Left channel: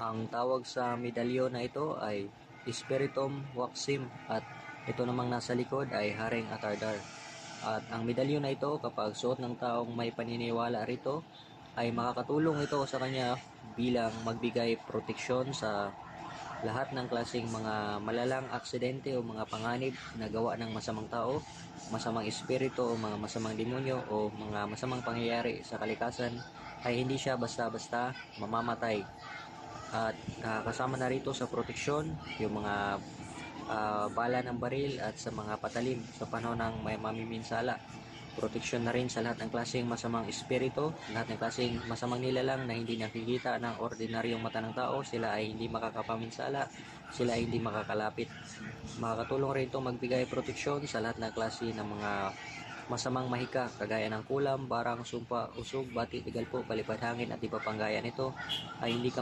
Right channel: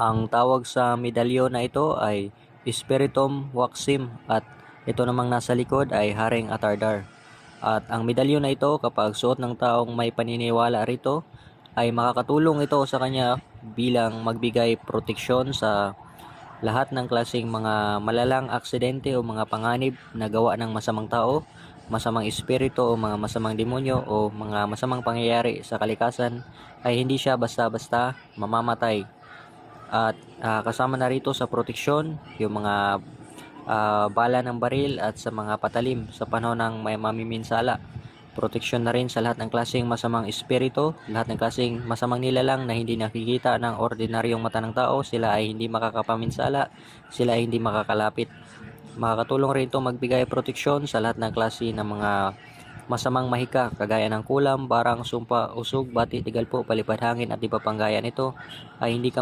Ang tawag sa medalyon na ito ay Spiritum Waxim at ito namang nasa likod ay Haring Atardar. At ang medalyon na ito kapag suot ng taong may paniniwala rito ay makakatulong ito sa kanya bilang magbigay proteksyon sa lahat ng klaseng mga malalang aksidente o mga panganib na gawa ng masamang tao, masamang espiritu o mga masamang demonyo o mga masamang pangyayari sa kalikasan ay hindi siya basta-basta mamamatay. At ah, kasama na rito sa proteksyon yung mga ah, bala ng baril at sa mga patalim sa panahon ng may mamiminsala. Proteksyon na rin sa lahat ng klaseng masamang espiritu, lahat ng klaseng masamang nilalang na hindi nakikita ng ordinaryong mata ng tao, sila ay hindi makakapaminsala, sila ay hindi makakalapit. Makakatulong rin ito magbigay proteksyon sa lahat ng klase ng mga masamang mahika kagaya ng kulam, barang, sumpa, usog, bati, tigalpo, palipad hangin at iba pang gaya nito ay hindi ka